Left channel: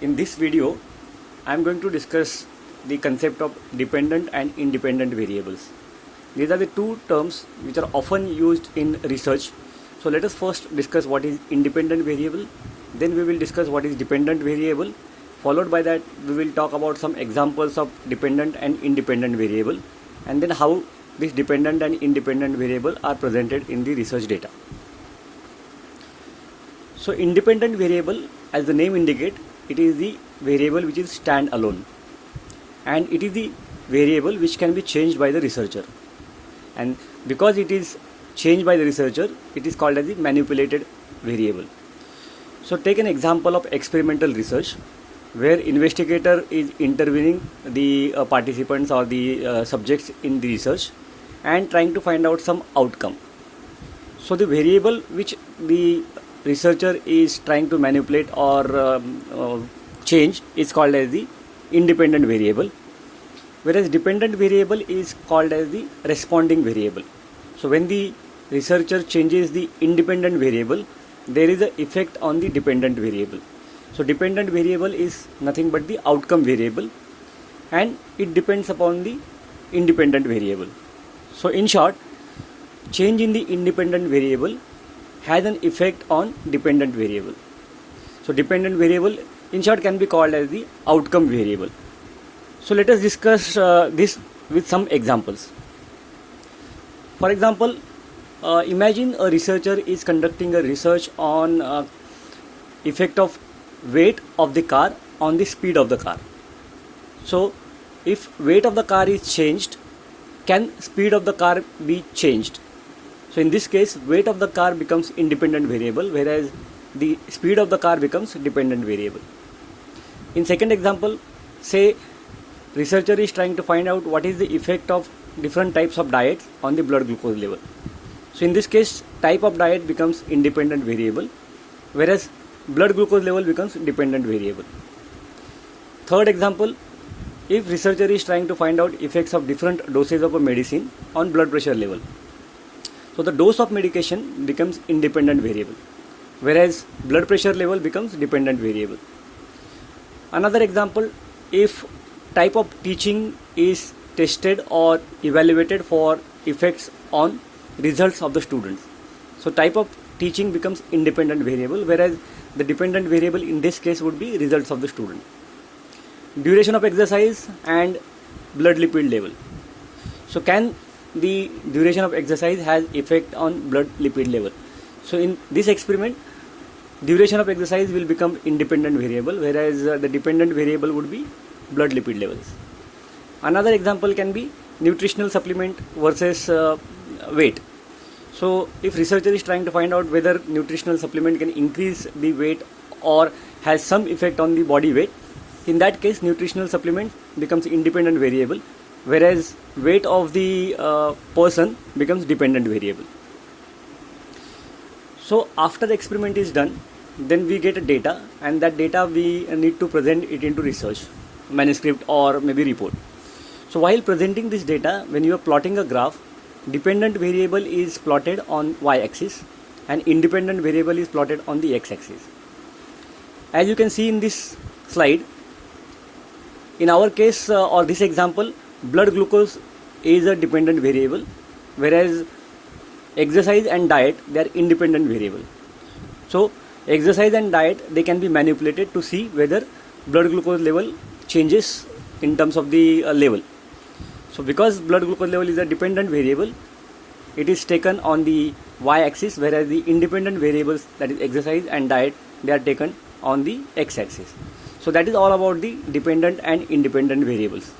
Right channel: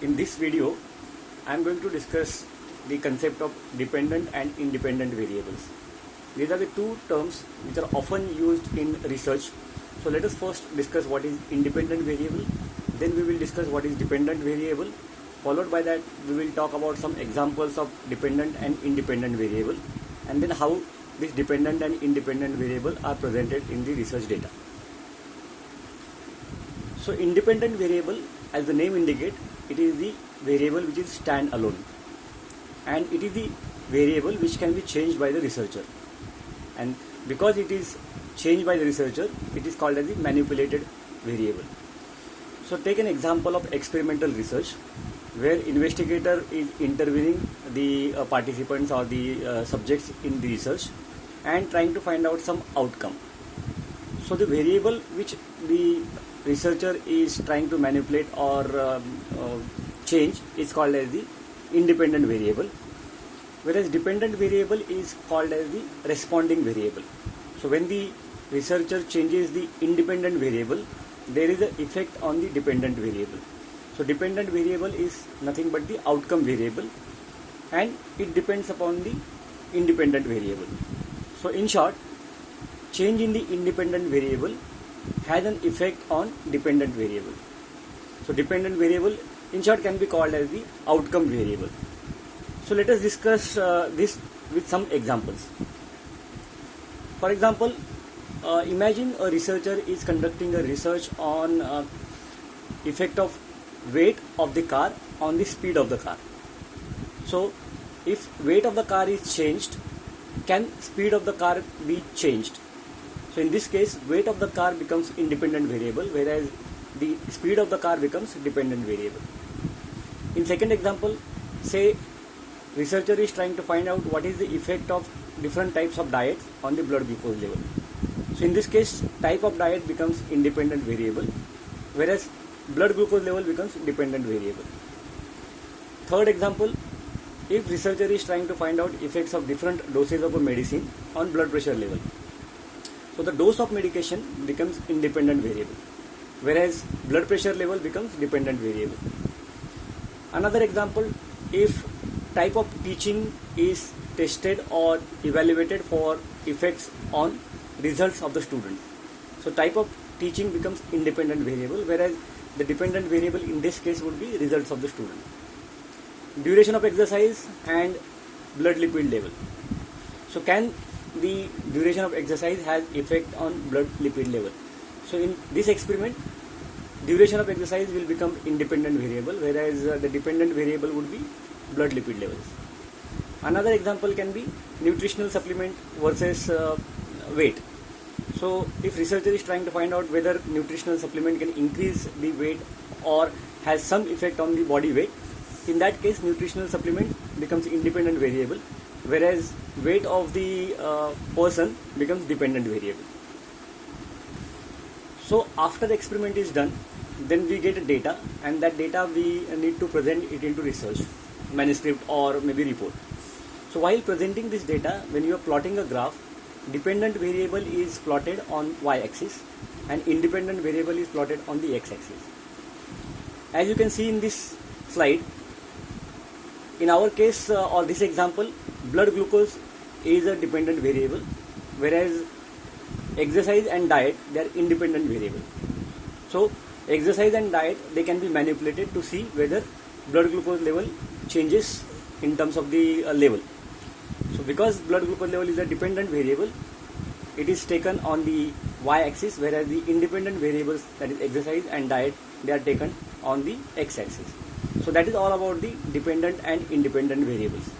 In this video, I am going to discuss the concept of dependent and independent variables. These are the two terms which are often used in research. So let us first discuss what is independent variable, then we will discuss what is dependent variable. Followed by that, we will talk about some examples of dependent and independent variable, and then how this dependent and independent variable are presented in the research data. So independent variable, as the name indicates, it is the variable which is stand alone, and it is the variable which can be changed by the researcher, and because it is changed by the researcher, it is called as the manipulated variable. So take an example of experimental research where investigator is interviewing the participants or the subjects in the research and trying to find out some outcome. So the variable which the researcher is trying to manipulate or change is called as the independent variable, whereas dependent variable is called as the responding variable. So when the researcher changes the independent variable, there is an effect on the dependent variable. So dependent variable is nothing but the outcome variable, and it depends upon the independent variable. So in short, change in the independent variable has an effect on dependent variable. So dependent variable in short can be called as the outcome variable. So let us discuss this with some examples. For example, imagine a researcher is conducting a research on effect of weight of the car on the speed of the car. So if weight of the car is changed, can speed of the car be changed? So in this case, weight of the car becomes independent variable, whereas the speed of the car becomes dependent variable. In second example, say researcher is trying to find out what is the effect of different types of diets on the blood glucose level. So in this case, type of diet becomes independent variable, whereas blood glucose level becomes dependent variable. Third example, if researcher is trying to find out effects of different doses of a medicine on blood pressure level, so the dose of medication becomes independent variable, whereas blood pressure level becomes dependent variable. Another example, if type of teaching is tested or evaluated for effects on results of the students, so type of teaching becomes independent variable, whereas the dependent variable in this case would be results of the student. Duration of exercise and blood lipid level. So can the duration of exercise has effect on blood lipid level? So in this experiment, duration of exercise will become independent variable, whereas the dependent variable would be blood lipid levels. Another example can be nutritional supplement versus weight. So if researcher is trying to find out whether nutritional supplement can increase the weight or has some effect on the body weight, in that case nutritional supplement becomes independent variable, whereas weight of the person becomes dependent variable. So after the experiment is done, then we get a data, and that data we need to present it into research manuscript or maybe report. So while presenting this data, when you are plotting a graph, dependent variable is plotted on y-axis and independent variable is plotted on the x-axis. As you can see in this slide, in our case or this example, blood glucose is a dependent variable, whereas exercise and diet, they are independent variable. So exercise and diet, they can be manipulated to see whether blood glucose level changes in terms of the level. So because blood glucose level is a dependent variable, it is taken on the y-axis, whereas the independent variables, that is exercise and diet, they are taken on the x-axis. So that is all about the dependent and independent variables.